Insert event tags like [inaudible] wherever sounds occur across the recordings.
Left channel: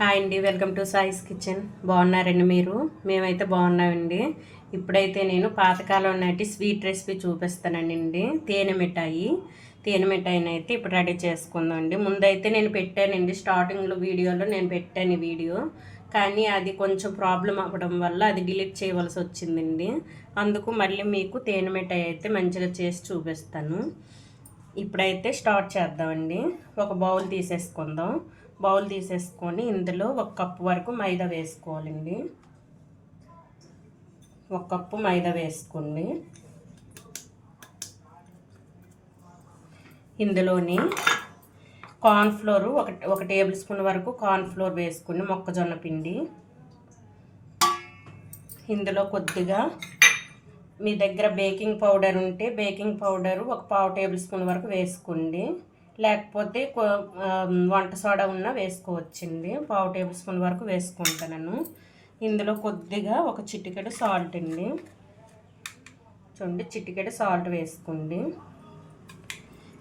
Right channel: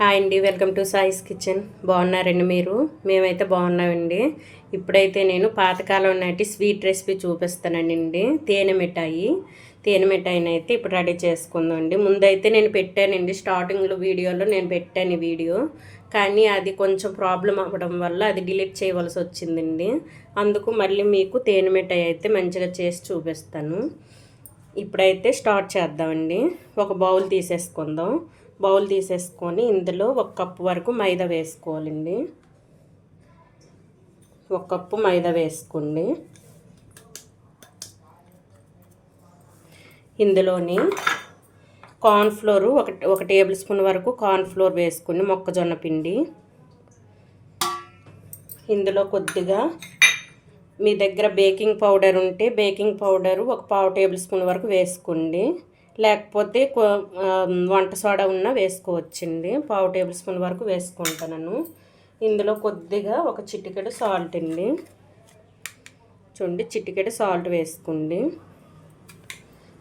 Hi అండి welcome to సాయిస్ kitchen. బాగున్నారండి మీరు? మేమైతే బాగున్నామండి. ఇప్పుడైతే నేను పాతకాలం నాటి స్వీట్ రెసిపీ చూపిస్తానండి తేనె మిఠాయి. తేనె మిఠాయిని అయితే ఇప్పుడు రెడీ చేసుకుందామండి. ముందైతే నేను పెట్టానండి స్టార్టింగ్లో వీడియోలో నేను పెట్టాను వీడియో. కానీ అది కొంచెం ప్రాబ్లం అవ్వడం వల్ల అది డిలీట్ చేయవలసి వచ్చిందండి. అందుకు మళ్ళీ మీకు తేనె మిఠాయి అయితే మంచిగా చేసి చూపిస్తాను. ఇప్పుడైతే స్టార్ట్ చేద్దామండి. ఒక బౌల్ తీసేసుకుందాం. బౌల్ తీసేసుకొని ఇందులో ఒక కప్పు వరకు మైదా వేసుకోవాలండి. ఒక కప్పు మైదా వేసుకోండి. ఇందులోని కార్న్ఫ్లోర్ ఒక ఒక టేబుల్ స్పూన్ వరకు కార్న్ఫ్లోర్ వేసుకుని మొక్కజొన్న పిండి. ఇందులో కొద్దిగా మీ దగ్గర బేకింగ్ పౌడర్ ఉంటే బేకింగ్ పౌడర్ ఒక పావు టేబుల్ స్పూన్ వరకు వేసుకోండి. లేకపోతే వంట సోడా ఉన్న వేసుకోవచ్చండి. పావు టేబుల్ స్పూన్ వరకు వేసుకుంటాను ఇందులో కొద్దిగా ఒక చిటికెడు సాల్ట్ అండి. చూడండి చిటికెడు సాల్ట్ వేసుకోండి.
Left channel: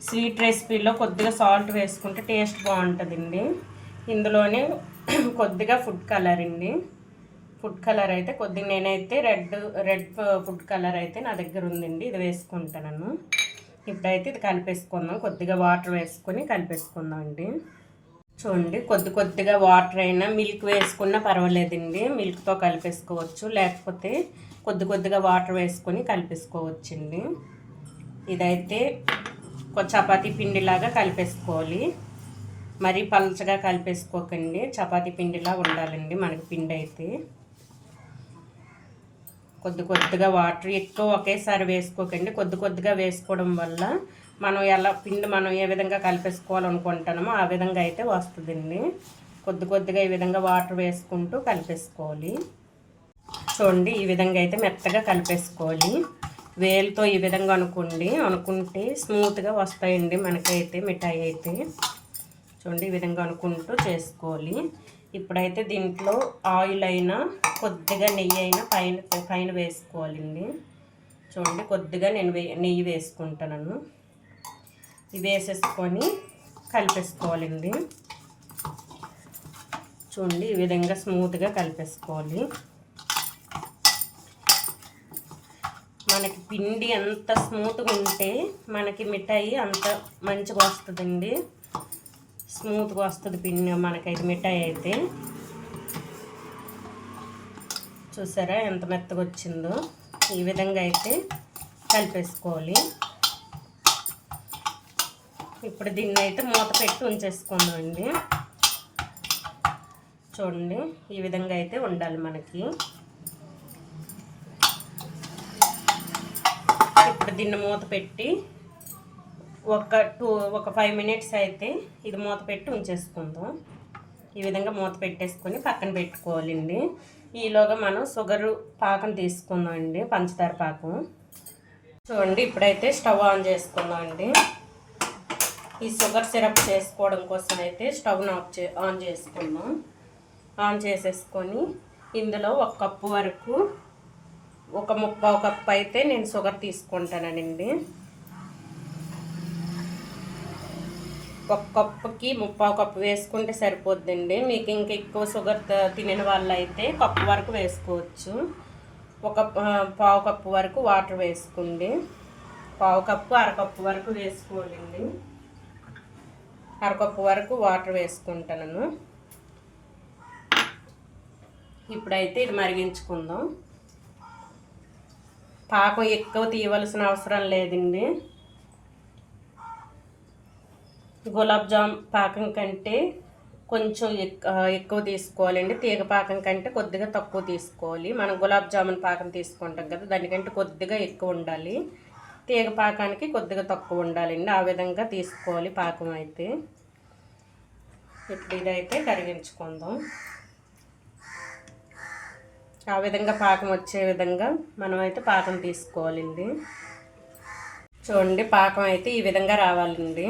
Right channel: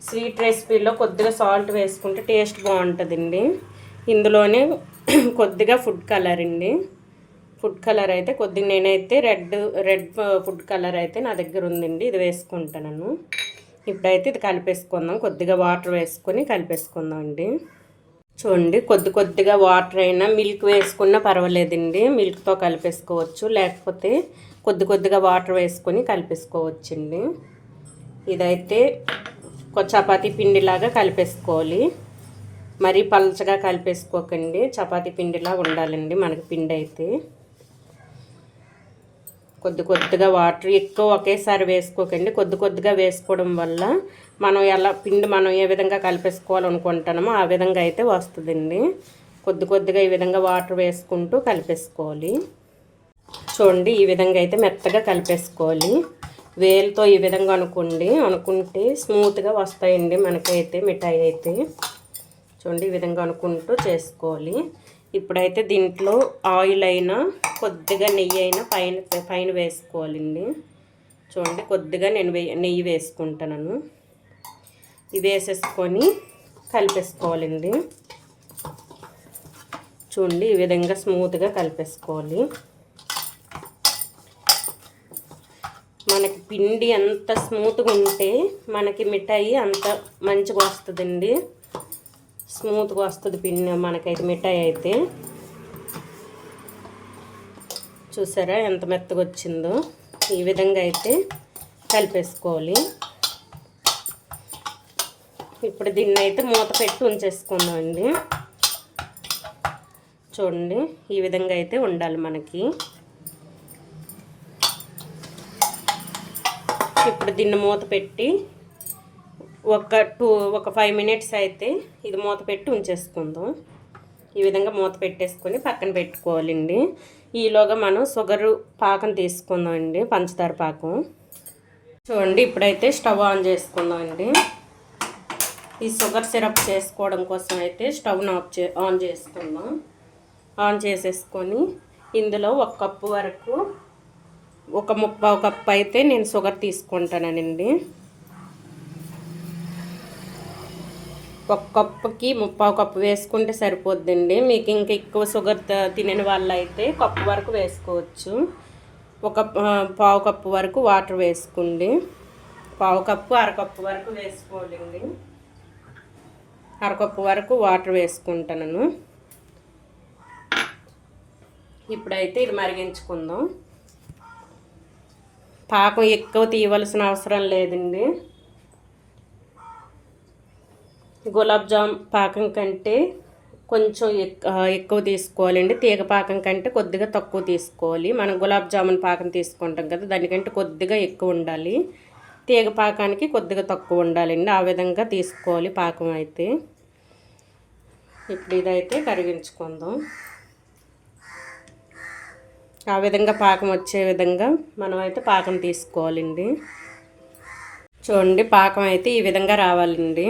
స్వీట్ రెసిపీలో కొద్దిగా సాల్ట్ వేసుకుంటే టేస్ట్ బాగుంటుందండి. ఇందులోనే [clears throat] కొద్దిగా ఫుడ్ కలర్ అండి. ఫుడ్ కలర్ అయితే కొద్దిగా నేనైతే రెడ్ రెడ్ ఫుడ్ కలర్ అయితే నా దగ్గర ఉందండి. ఇది వేసుకుంటాను ఇప్పుడైతే ఇది కలిపేసుకుందాం. కొద్దిగా వాటర్ వేసుకొని కలిపేసుకుందాం అండి. చూడండి కొద్ది కొద్దిగా వాటర్ అయినా మిల్క్ వేసుకున్నా పర్వాలేదండి. మిల్క్తో కలిపేసుకోవచ్చు లేకపోతే కొద్ది కొద్దిగా వాటర్ వేసుకొని కలిపేసుకోవచ్చండి. ఇదైతే చపాతీ పిండిలాగా కలిపేసుకోవాలి. మరీ పలచగా కలిపేసుకోకండి. చపాతీ పిండిలా ఉండాలండి మనకి పిండి అయితే కొద్ది కొద్దిగా వాటర్ ఎక్కువ ఒకేసారి వేసుకోకండి. కొద్ది కొద్దిగా వేసుకోవడం వల్ల మనం ఎలా పిండి మనం ఏ విధంగా కలిపేసుకోవాలనుకుంటున్నామో ఆ విధంగా అయితే వస్తుందండి. కొద్ది కొద్దిగా ఈ విధంగా వాటర్ వేసుకుంటూ కలిపేసుకోవాలి. చూడండి ఈ విధంగా అయితే మెత్తగా కలిపేసుకోవాలి. వేలుతో ఈ విధంగా అనుకోండి అనుకుంటే స్మూత్గా వస్తాయండి మనకైతే మిఠాయి అయితే. చూడండి ఈ విధంగా అనుకుంటూ చేసుకోవాలి. ఇప్పుడైతే దీంట్లో ఆయిల్ అయినా కొద్దిగా నెయ్యి అయినా పైన పైన వేసుకోవాలండి. చూడండి కొద్దిగా నేను నెయ్యి వేసుకుంటాను ఇవి వేసేసుకొని కలిపేసుకోవాలండి. చూడండి ఈ విధంగా స్మూత్గా కలిపేసుకోవాలి. మనకి పిండి ఎంత స్మూత్గా ఉంటే మనకి మిఠాయి అంత మంచిగా వస్తుందండి. స్మూత్గా వస్తుంది పిండి మనకైతే మిఠాయి అయితే. చూసారా ఎంత మెత్తగా వచ్చిందో? ఈ విధంగా అయితే కలిపేసుకోవాలి. ఇప్పుడు దీన్ని అయితే మూత పెట్టి ఉంచేసుకుందామండి. చూడండి ఈ విధంగా అయితే ఉండాలి మనకి. ఇప్పుడు దీన్ని మూత పెట్టి ఒక టూ ఒక ఫైవ్ మినిట్స్ అయితే ఇది మూత పెట్టి ఉంచేసుకుందాం. ఈ విధంగా మూత పెట్టేసుకొని పక్కన పెట్టుకోవాలండి. ఈలోగా మనం షుగర్ పాకం తీసుకుందాం అండి పంచదార పాకం. చూడండి ఇప్పుడైతే స్టవ్ ఆన్ చేసుకుందాం అండి ఈ షుగర్ సిరప్ చేసుకోవడం కోసం అయితే స్టవ్ని ఆఫ్ చే ఆన్ చేసుకుందాం. ఆన్ చేసేసుకొని ఇందులో ఒక కప్పు వరకు ఒక ముప్పై కప్పు అయితే నేను షుగర్ తీసుకుంటానండి. ఒక కప్పుకి ముప్పావు కప్పు వేసుకుంటే సరిపోద్దండి. మీకు ఇంక ఎక్కువ షుగర్ తినని వాళ్ళు అయితే కప్పు వరకు వేసుకోవచ్చు. ఒక పావు కప్పు వరకు వాటర్ వేసుకోండి. పావు కప్పు అరకప్పు వరకు వేసుకోండి. అరకప్పు వరకు వాటర్ వేసుకుంటాను ఇప్పుడైతే ఇది మరిగించుకుందాం. పాకం ఎక్కువ తీయవలసిన అవసరం లేదండి. గులాబ్ జామ్ పాకం కంటే కొంచెం ఎక్కువ తీసుకోవాలండి. తీగ పాకం కంటే కొద్దిగా తక్కువ తీసుకోవాలి. మనం గులాబ్ జామున్ పాకం తీసుకుంటాం కదా దానికంటే కొద్దిగా ఎక్కువ ఉండాలి. తీగ పాకానికి కొద్దిగా తక్కువ ఉండాలండి. ఆ విధంగా తీసుకోవాలి పాకం అయితే. ఇప్పుడు ఇదైతే కరిగించుకుందాం. ఆ విధంగా పాకం వచ్చే విధంగా మనం అయితే పాకం తీసుకోవాలండి. చూడండి పాకం అయితే ఈ విధంగా రావాలండి.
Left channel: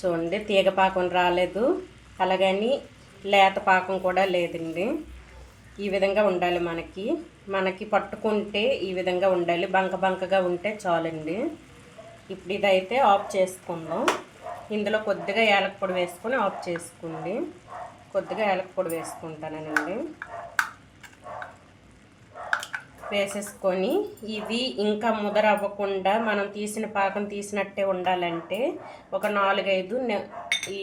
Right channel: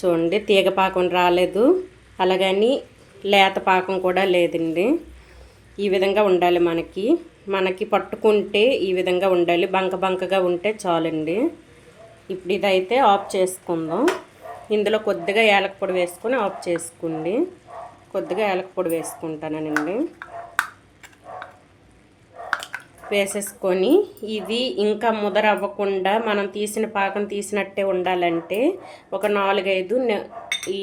చూడండి తీగ పాకం రాలేదు. అలాగని లేత పాకం కూడా లేదండి. ఈ విధంగా ఉండాలి మనకి. మనకి పట్టుకుంటే ఈ విధంగా ఉండాలి. బంక బంకగా ఉంటే చాలండి. ఇప్పుడు ఇదైతే ఆఫ్ చేసుకుందాం. ఇందులో కొద్దిగా పొడి వేసుకొని ఆఫ్ చేసుకోండి. కొద్దిగా ఏలక పొడి వేసుకుంటానండి. వేసేసుకొని ఇవి ఇంకా ముదర అవ్వకుండా మనం తీసిన పాకం తీసినట్టే ఉండాలంటే ఒక నాలుగైదు ఈ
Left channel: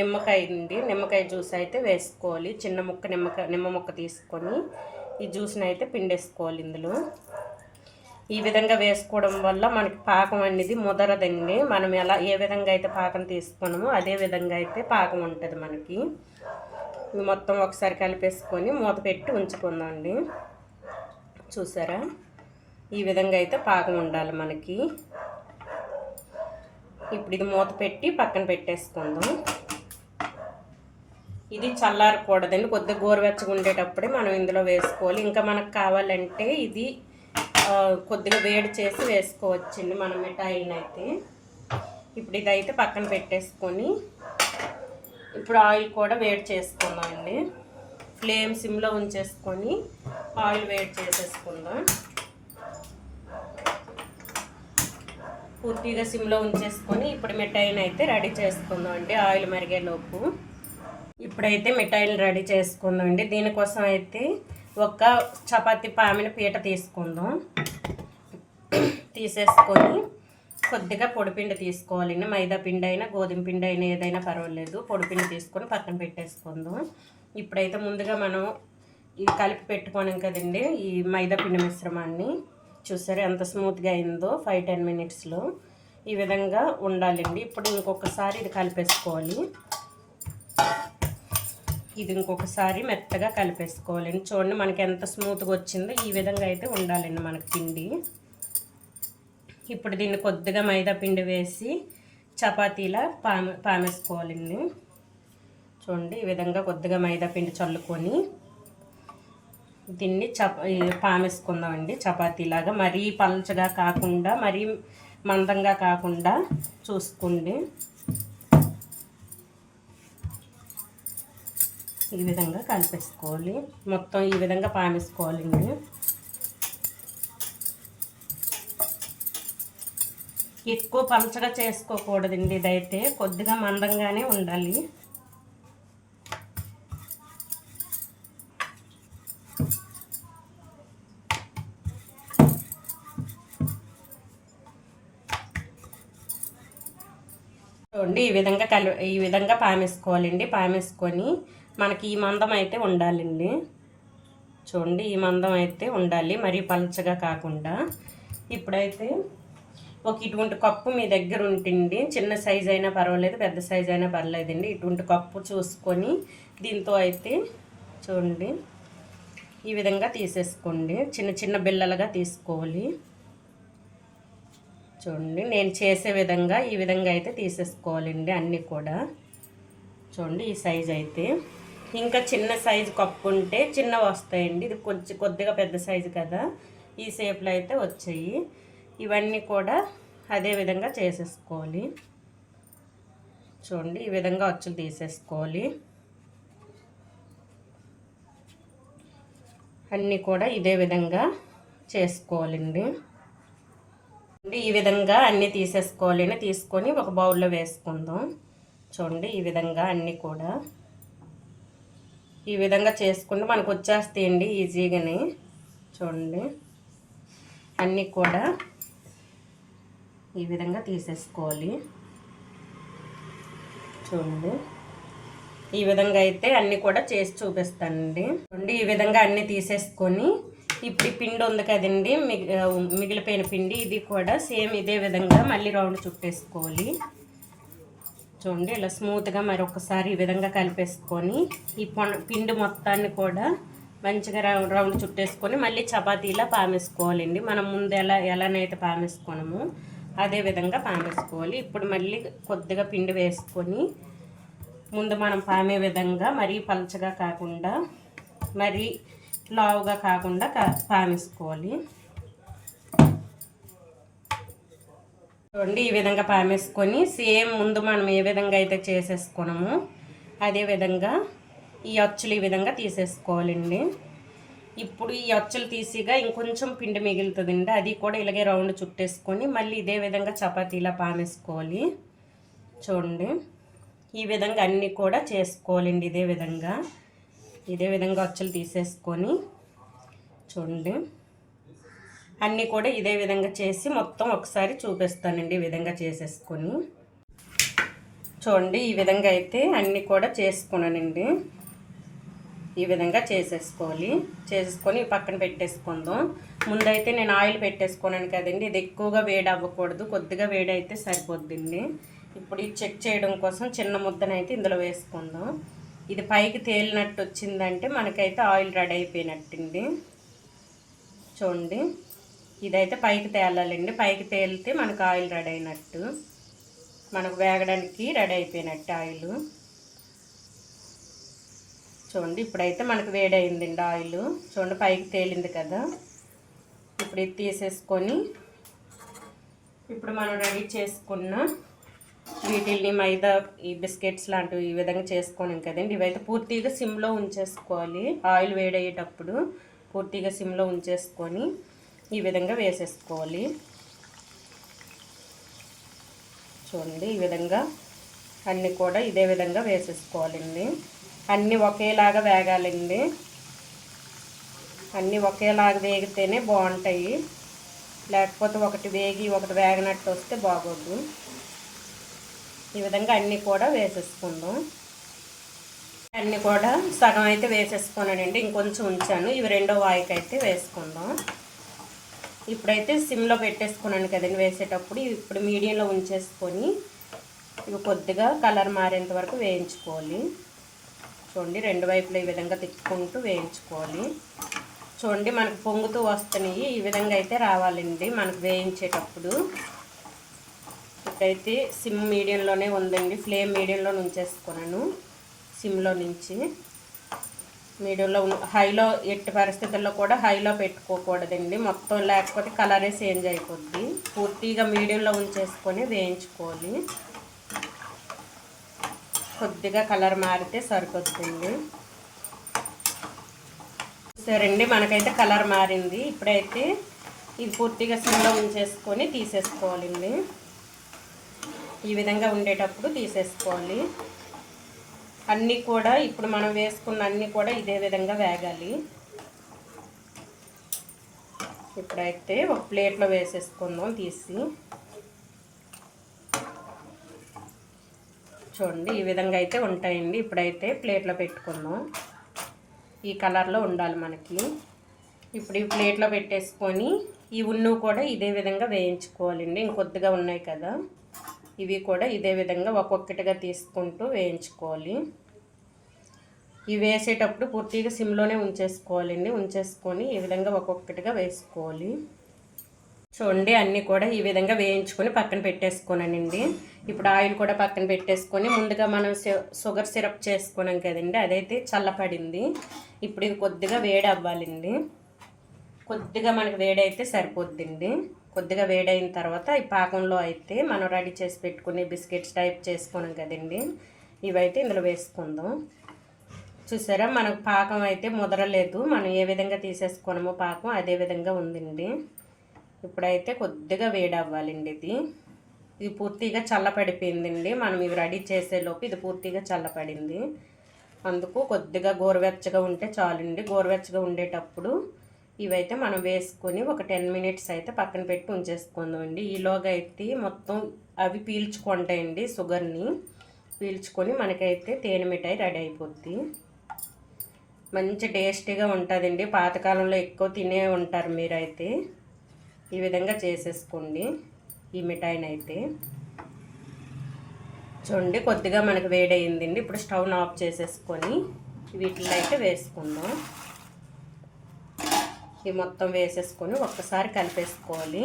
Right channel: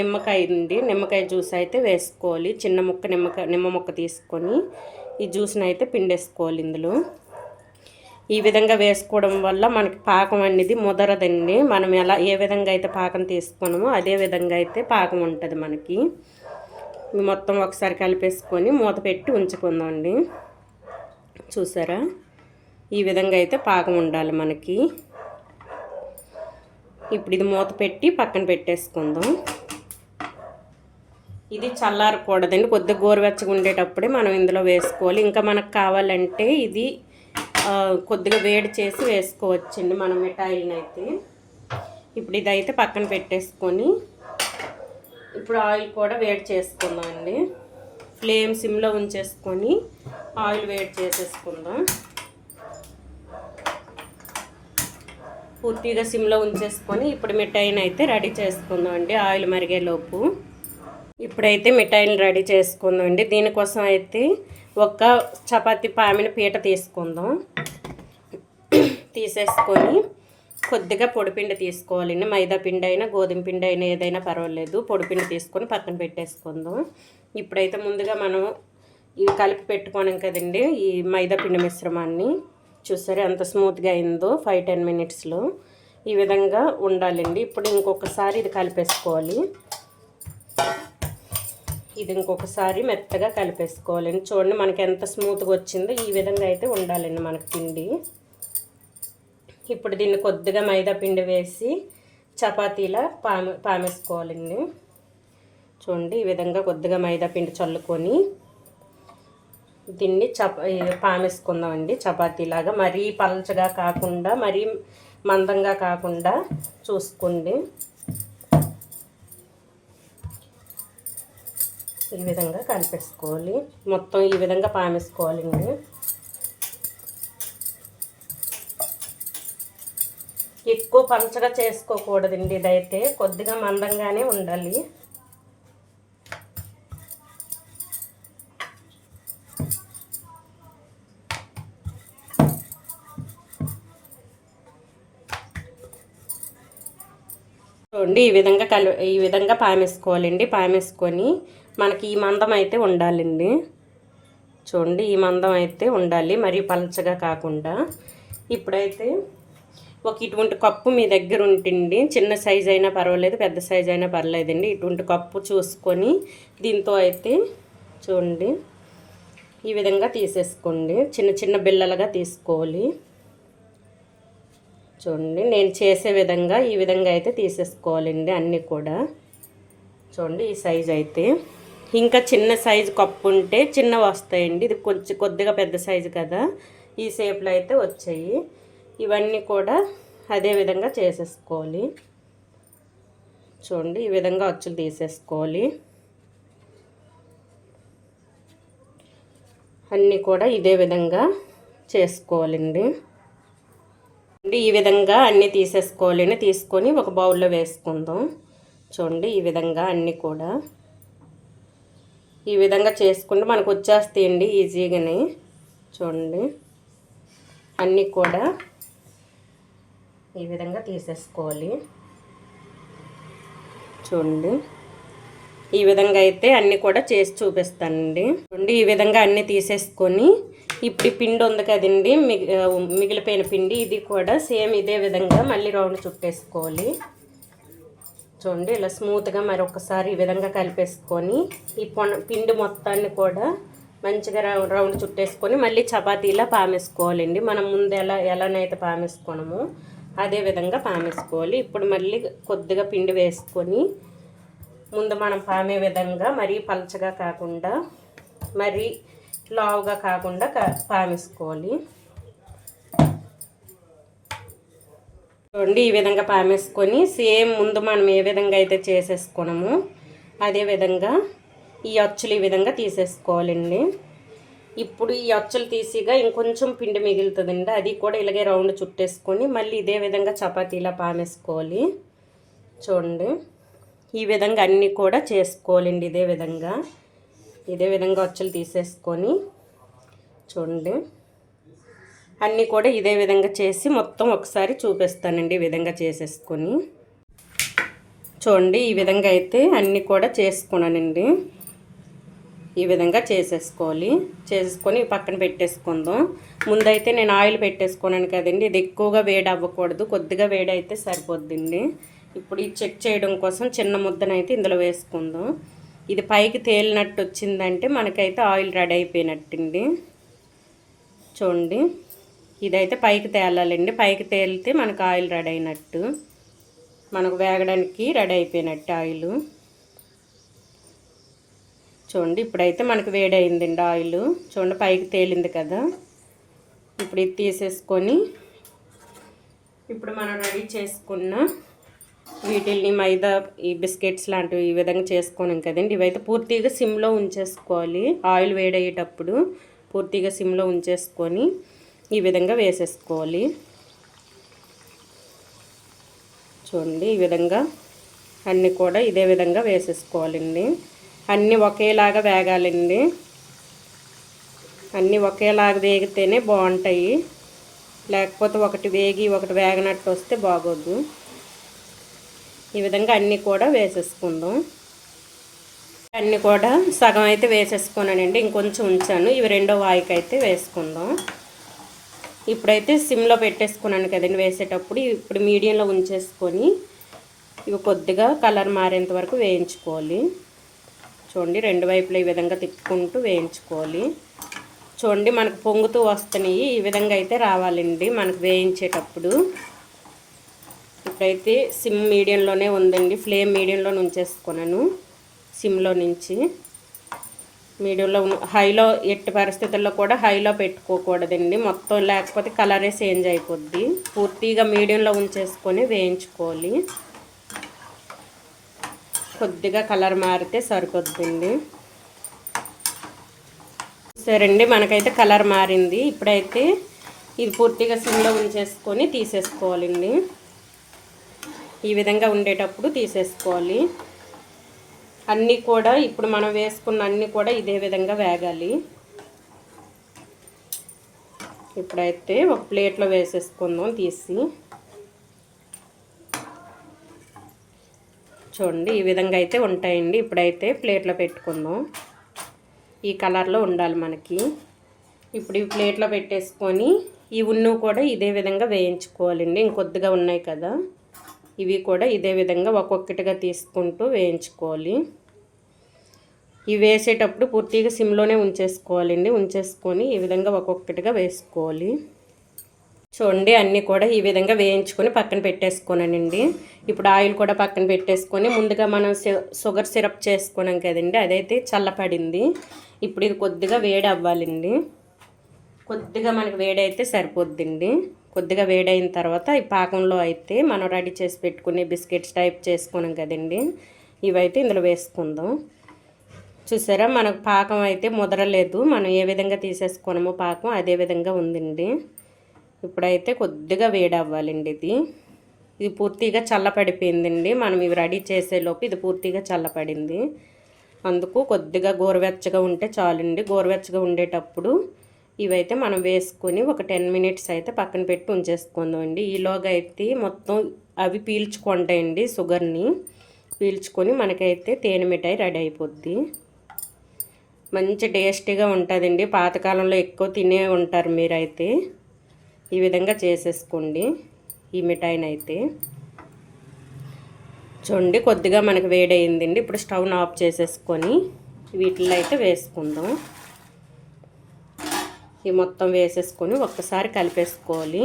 నిమ్మకాయ ఉంది. నిమ్మకాయ జ్యూస్ అయితే వేసుకోవాలి. చిన్న ముక్క నిమ్మకాయ నిమ్మ ముక్క తీసుకొని ఈ జ్యూస్ని అయితే పిండేసుకోవాలి ఇందులో. ఈ విధంగా వేసుకోవడం వల్ల మనకి పాకం అనేది ముదరదండి. మనం ఎలా ఏ విధంగా అయితే పాకం తీసుకున్నామో అదే విధంగా అయితే పాకం ఉంటుంది మనకి. మొత్తం ఒకసారి కలిపేసుకొని మూత పెట్టి ఉంచుకుందామండి. చూసారా? ఈ విధంగా అయితే పాకం ఉండాలి మనకి. ఇప్పుడు ఇది మూత పెట్టి పక్కన పెట్టేసుకుందాం. ఇది చల్లారకూడదండి. కొద్దిగా గోరువెచ్చగా ఉండేటప్పుడే మనం ఇందులో వేసుకోవాలి. ఇంకా మనకు కావాలంటే ఇది కొద్దిగా వేడి చేసి వేసుకోవచ్చండి మన మిఠాయిని అయితే. ఇప్పుడు ఇదైతే పక్కన పెట్టేసుకొని ఇప్పుడు ఆయిల్ కూడా వేడి చేసుకుందాం అండి ఫ్లేమ్ సిమ్లో ఉంచేసుకొని ఆయిల్ వేడి చేసేసుకుందాం. పూర్తిగా సిమ్లో ఉంచేసుకొని ఇప్పుడు మిఠాయిని అయితే రెడీ చేసుకుందాం అండి ఆయిల్ మరిగేలోపు ఇప్పుడైతే మిఠాయిని రెడీ చేసుకుందాం అండి. దీనికోసం అయితే ఒక చపాతీ పామిన పీట తీసుకుందాం. తీసేసుకొని కొద్దిగా పొడిపిండి తీసుకోవాలండి. మైదా పిండి అయినా గోధుమ పిండి అయినా ఏదైనా పర్వాలేదు. పొడిపిండి తీసుకొని పక్కన పెట్టేసుకుందాం. ఇప్పుడైతే ముందుగా మనం ఇవి కలిపి పెట్టుకోనం కదండి. ఈ మైదా పిండి మిశ్రమాన్ని. చూసారా ఎంత స్మూత్గా అయిందో ఫైవ్ టెన్ మినిట్స్లో. ఈ విధంగా ఉండాలండి. ఇప్పుడు ఇంకొకసారి ఇది కలిపేసుకోవాలి. ఇది ఇంకొకసారి మెత్తగా కలిపేసుకోవాలండి చూడండి మనకి ఎంత స్మూత్గా వచ్చిందో ఈ విధంగా అయితే ఉండాలండి మనకి పిండి. ఇప్పుడు దీన్ని కొద్దిగా మైదా పిండి వేసి చపాతీలా పామె పామేసుకోవాలండి. చూడండి ఈ విధంగా కొద్దిగా మైదా పిండి చల్లుకొని దీన్ని చప పామేసుకుందామండి. చపాతీలాగా మరీ పలచగా కాకుండా మరీ మందంగా కాకుండా చూసుకోండి. ఈ విధంగా కలిపేసుకోవాలి. మొత్తం ఈ విధంగా పామేసుకోవాలండి. ఎక్కువ పంచగా చేసుకోకూడదండి. ఇదైతే కొద్దిగా మందంగానే ఉండాలి. చూడండి ఈ విధంగా కలి ఈ విధంగా పామేసుకోవాలండి. పామేసుకొని మనకి ఈ మందం అయితే ఉండాలండి. చూడండి ఈ మందం అయితే ఉండాలి. మరీ పలచగా కాకుండా. ఇప్పుడైతే ఒక ఇటువంటి కప్పు మీ దగ్గర ఉంటుంది చిన్న సైజ్ అయినా పర్వాలేదు పెద్ద సైజ్ అయినా పర్లేదండి. ఇటువంటి కప్పు చూసుకొని దీంతో అయితే చూడండి ఈ విధంగా తీసేసుకోండి. చిన్న చిన్న బిల్లలుగా తీసుకోవాలి. చూడండి నేను చేసే విధంగా ఈ విధంగా అయితే తీసేసుకోవాలండి అన్నీ కూడా. చూడండి ఈ సైజ్ అయితే. ఇంకా చిన్న సైజు కప్పు ఉంటే చిన్నవి వస్తాయండి. ఇది కొంచెం కొద్దిగా పెద్ద సైజు కదా. ఈ షేప్లో అయితే వచ్చాయి. ఇవన్నీ కూడా అదే విధంగా చేసేసుకోవాలి. చూడండి ఈ విధంగా అచ్చులు తీసేసుకోవాలి. అన్నీ కూడా ఇదే విధంగా చేసుకోవాలండి. ఈ విధంగా అన్నీ తీసేసుకోవాలని తీసుకొని ఒక బౌల్లో వేసుకుందాం. చూడండి ఈ విధంగా అన్నీ కూడా. ఈ విధంగా చేసుకుంటే మనకు వచ్చేస్తాయండి ఈజీగానే. చూడండి అన్నీ కూడా ఈ విధంగా తీసేసుకోవాలి. చూడండి ఈ విధంగా అయితే అన్నీ కూడా చేసి చూపిస్తానండి. చూడండి ఈ విధంగా అన్నీ తీసేసుకొని ఇప్పుడు పిండి ఉంది కదండి మిగిలిపోయిన పిండి ఇది కూడా సేమ్ ఇదే విధంగా మళ్ళీ రౌండ్ చుట్టేసుకోవాలి. చూడండి ఇలా స్మూత్గా మరొకసారి ఈ విధంగా కలిపేసుకొని ఈ పిండి మొత్తాన్ని కూడా మంచిగా రౌండ్ చుట్టేసుకొని మళ్ళీ చపాతీలా పామేసుకోవాలండి. మనం ముందు ఎలా ఎలానైతే పామేసుకున్నామో అదే విధంగా పామేసుకోవాలి. ఇప్పుడు మళ్ళీ కొద్దిగా పిండి వేసుకొని ముందు మనం పామే విధంగా మరీ పలచగా కాకుండా మరీ లావుగా కాకుండా పామేసుకోవాలి. చూడండి ఈ విధంగా పామేసుకొని సేమ్ ముందు మనం ఏ విధంగా అయితే చేసేసుకున్నాము అదే విధంగా ఈ అచ్చులు ఈ విధంగా తీసేసుకోవాలండి. ఇప్పుడు ఈ అచ్చులు తీసిగా ఇంకొంచెం పిండి మిగులుతుందండి. అది కూడా ఇలాగే రౌండ్ చుట్టేసుకొని మళ్ళీ ఇదే విధంగా చపాతీలా పామేసుకోవాలి. చూడండి ఈ విధంగా అన్నీ కూడా చేసుకోవాలండి ఇదే విధంగా. ఇదే విధంగా అచ్చులు తీసేసుకొని చూడండి. అన్నీ కూడా ఇదే విధంగా చేసి మొత్తం ఒకసారి చూపిస్తానండి ఈ విధంగా చేసేసుకొని. చూడండి ఈ విధంగా అయితే అన్నీ కూడా చేసుకున్నానండి. ఈ విధంగా చేసేసుకోవాలి. చేసుకొని పక్కన పెట్టేసుకుందాం. ముందైతే నేను ఆయిల్ పెట్టేసుకున్నాను కదండి. ఇది ఎక్కువగా వేడి అవ్వకూడదు. కొద్దిగా వేడి అయితే సరిపోద్దండి. ఇప్పుడు ఇది చెక్ చేయడం కోసం చిన్న ముద్దనైతే ఇందులో వేసుకుందాం. ఇది పైకి తేలినట్టు వచ్చిందంటే మనకైతే ఆయిల్ రెడీ అయిపోయినట్టండి చూడండి. ఇదైతే పైకి తేలాలండి. పైకి తేలితే మనకు ఆయిల్ రెడీ అయినట్టు. మనకు వేగడానికి రెడీ అయిపోయినట్టు ఆయిల్. చూడండి ఇప్పుడైతే మనకు వేడైందండి ఆయిల్. చూడండి పైకి తేలింది కదా. ఇప్పుడు ఇది తీసేసుకొని ఇప్పుడు మనం రెడీ చేసుకున్న వీటిల్ని మైదా ఈ బిస్కెట్స్ లాంటివి ఈ విధంగా చేసుకోని కదండి. ఇవైతే పూర్తిగా సిమ్లో ఉంచేసుకోవాలి. ఆయిల్ వేడయ్యేటప్పుడు పూర్తిగా సిమ్లో ఉంచేసుకొని ఈ విధంగా వేసేసుకోవాలి. చూడండి ఈ విధంగా అన్నీ కూడా ఇదే విధంగా వేసేసుకోవాలండి. అన్నీ ఒకేలాగా వేగాలండి. అన్నీ ఒకేలాగా వేగితేనే బాగుంటాయి. లేకపోతే ఒకటి వేగి ఒకటి వేగనట్టు వస్తే బాగోదు. ఈ విధంగా అన్నీ కూడా వేసేసుకుందాం. అన్నీ కూడా సగం అయితే వేసేసుకున్నానండి ఇంకొంచెం ఉంచాను. ఇవి రెండో వాయికి అయితే వేసుకుందాం. ఇప్పుడైతే సిమ్లో పెట్టేసుకున్నాను కదండి వేసేటప్పుడు. ఇప్పుడు మీడియంలో ఉంచేసుకొని ఇవి కొద్దిగా కలర్ మారేంత వరకు వేయించుకోవాలి. చూడండి రెండు వైపులా ఈ విధంగా తిప్పుకుంటూ వేయించుకోవాలి. చూడండి మనకు పొంగుతూ వస్తున్నాయి. ఈ విధంగా అయితే రావాలండి మనకు వేయించేటప్పుడు. ఇప్పుడైతే సిమ్ మీడియంలోనే ఉందండి. ఫ్లేమ్ మీడియంలో ఉంచేసుకున్నాను సిమ్లో నుంచి. మీడియంలో హైలో ఎట్టి పరిస్థితుల్లో కూడా హైలో పెట్టుకోకూడదండి. మొత్తం లేకపోతే కలరే చేంజ్ అయిపోద్ది. పూర్తిగా మీడియంలో ఉంచేసుకొని వేయించుకోవాలి. కొద్దిగా కలర్ మారితే సరిపోద్దండి. సరేండి మనకైతే కలర్ మారింది. ఇప్పుడైతే ఇది పూర్తిగా సిమ్లో ఉంచేసుకొని తీసేసుకోవాలండి. ఈ విధంగా ఉండేటప్పుడు తీసేసుకోవాలి. అన్నీ కూడా ఇప్పుడు మనం వేసుకున్న అన్నీ కూడా ఇదే విధంగా వేగాలి. ఇప్పుడైతే ఒక ప్లేట్లో వేసేసుకుందాం తీసి. చూడండి ఈ విధంగా అయితే ఉంటాయండి. ఇప్పుడైతే ప్లేట్లో పెట్టుకుందాం. ఈ కలర్లో ఉండాలి మనకి. ఇప్పుడు ఈ ప్లేట్లో పెట్టేసుకొని ఈ ఉన్ను కూడా ఇదే విధంగా వేయించుకోవాలండి. ఇంకొద్దిగా ఉన్నాయి కదా. ఇవి కూడా ఇదే విధంగా ఒక్కొక్కటిగా తీసుకుంటూ వేయించుకోవాలి. ఇవి వేసేటప్పుడు పూర్తిగా సిమ్లోనే ఉంచేసుకోవాలండి. ఉంచేసుకొని ఈ విధంగా ఒక్కొక్కటిగా వేసుకోవాలి. చూడండి అన్నీ కూడా ఈ విధంగా వేయించుకొని పక్కన పెట్టేసుకోనండి. ఇప్పుడు ఆయిల్ కూడా పక్కన పెట్టేసుకొని ముందుగా మనం షుగర్ సిరప్ చేసుకున్నాం కదండి అదైతే చల్లపడింది. ఇప్పుడు ఇది కొద్దిగా వేడి అవ్వాలండి కొద్దిగా మనకు వేడైతే సరిపోద్దండి. కొద్దిగా వేడైన తర్వాత ఈ పాకంలో అయితే మనం రెడీ చేసి పెట్టుకునే బిస్కెట్స్ టైప్ చేసుకున్నాం కదండి. ఇవైతే ఇందులో వేసుకుందాం. చూసారా మనకు పాకం అయితే ముదరలేదు. మనం ఏ విధంగా తీసేసుకున్నామో పాకం అదే విధంగా ఉందండి. ఇప్పుడైతే కొద్దిగా వేడి అవ్వాలండి ఇది. ఇది పూర్తిగా చల్లపడిపోయిందండి. మనం ఇవి రెడీ చేసేలోపు ఇది పూర్తిగా చల్లపడింది. అందుకు కొద్దిగా గోరువెచ్చగా ఉంటే చాలండి. గోరువెచ్చగా ఉండేటప్పుడు ఇవైతే మనం వేసుకొని ఒక టెన్ మినిట్స్ అయితే పక్కన పెట్టి ఉంచేసుకుందామండి. ఈలోగా అయితే మొత్తం అవి పీల్చుకుంటాయండి షుగర్ని. పీల్చుకొని మనకైతే తేనె మిఠాయి రెడీ అయిపోద్ది. మంచి టేస్టీగా ఉంటుందండి. పాతకాలంలో ఎక్కువ తినే ఉంటారు మీరైతే. ఈ విధంగా చేసేసుకోండి ఈ మిఠాయిని అయితే చూడండి కొద్దిగా మనకు వేడయిందండి. ఇప్పుడు స్టవ్ను ఆఫ్ చేసేసుకొని వీటిల్లో అయితే వేసుకుందాం. ఈ మొత్తం వేసేసుకొని ఒక్కసారి కలిపేసుకోవాలి.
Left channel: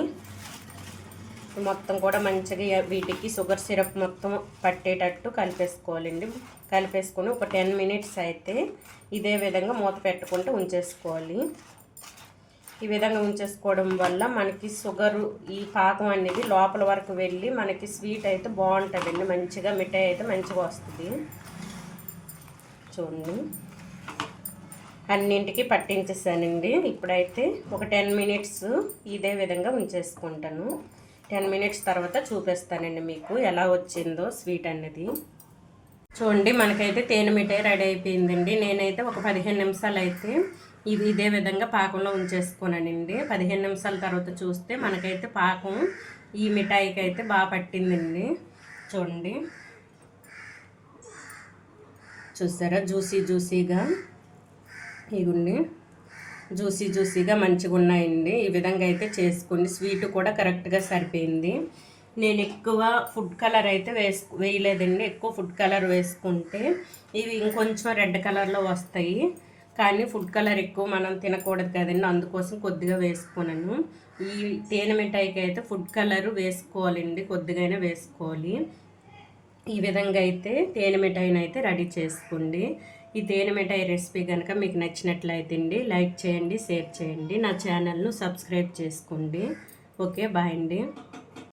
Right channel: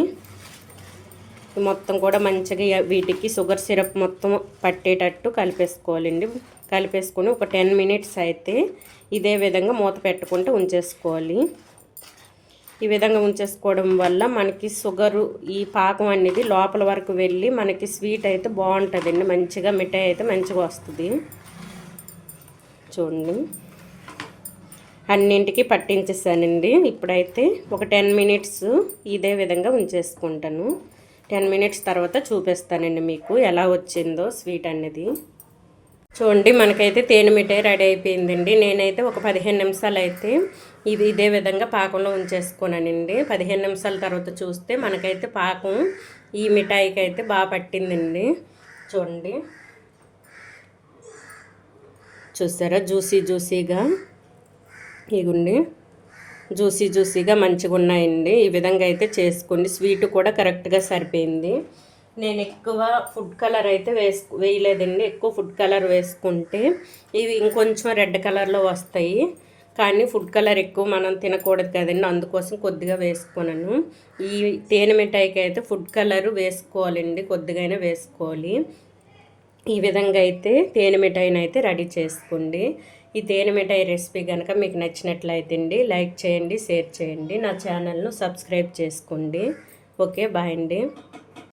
ఈ మొత్తం కూడా మంచిగా వీటికి షుగర్ సిరప్ మొత్తం పట్టేటట్టు కలిపేసుకోవాలండి. కలిపేసుకొని ఒక టెన్ మినిట్స్ అయితే ఇదే విధంగా మూత పెట్టుకుంటూ ఉంచేసుకోవాలి. ఈ విధంగా ఉంచేసుకోవడం వల్ల మనకి షుగరు ఈ పాకం అనేది లోపల వరకు వెళ్ళి మనకి స్వీట్ అయితే బాగుంటుందండి. మంచిగా మిఠాయి అయితే మంచిగా వస్తుంది. చూడండి. అన్నింటికి పట్టించేసానండి. ఇప్పుడైతే ఒక టెన్ మినిట్స్ ఇదే విధంగా ఉంచేసుకుంటాను. టెన్ మినిట్స్ తర్వాత చూపిస్తానండి మీకు ఎలా వచ్చిందో స్వీట్ అనేది. చూడండి మనకైతే తేనె మిఠాయి రెడీ అయిపోయిందండి. నేనైతే ఒక పదిహేను నిమిషాలు అయితే ఇది ఇదే విధంగా పాకంలో ఉంచేసుకున్నానండి. పదిహేను నిమిషాల తర్వాత చూస్తే మనకైతే పాకం ఈ మిఠాయికి అయితే బాగా పట్టిందండి. చూడండి. చూసారా? జ్యూసీ జ్యూసీగా. ఇగుండి. జ్యూసీ జ్యూసీగా మంచిగా ఉన్నాయండి ఈ విధంగా అయితే చేసుకోండి. స్వీట్ కూడా కరెక్ట్గా సరిపోయింది. నేను ఎక్కువ ఫుడ్ కలర్ అయితే వేసుకు వేయలేదండి. ఎక్కువ ఫుడ్ కలర్ వేసుకుంటే ఇవి ఇంకొంచెం రెడ్ కలర్లో వస్తాయి. కానీ ఫుడ్ కలర్ ఎక్కువ మనం తినకూడదు కదండి. అందుకోసం కొద్దిగా వేసుకున్నాను ఈ తేనె మిఠాయికి అయితే ఫుడ్ కలర్ వేసుకోవాలండి. కొద్దిగానే వేసుకోవాలి. ఈ విధంగా అయితే తేనె మిఠాయిని అయితే రెడీ చేసుకోండి. ఈ తేనె మిఠాయి రెసిపీ కనుక మీకు నచ్చినట్లయితే అండి లైక్ చేయండి షేర్ చేయండి. నా ఛానల్ను సబ్స్క్రైబ్ చేసుకోండి. ఓకే బాయ్ అండి.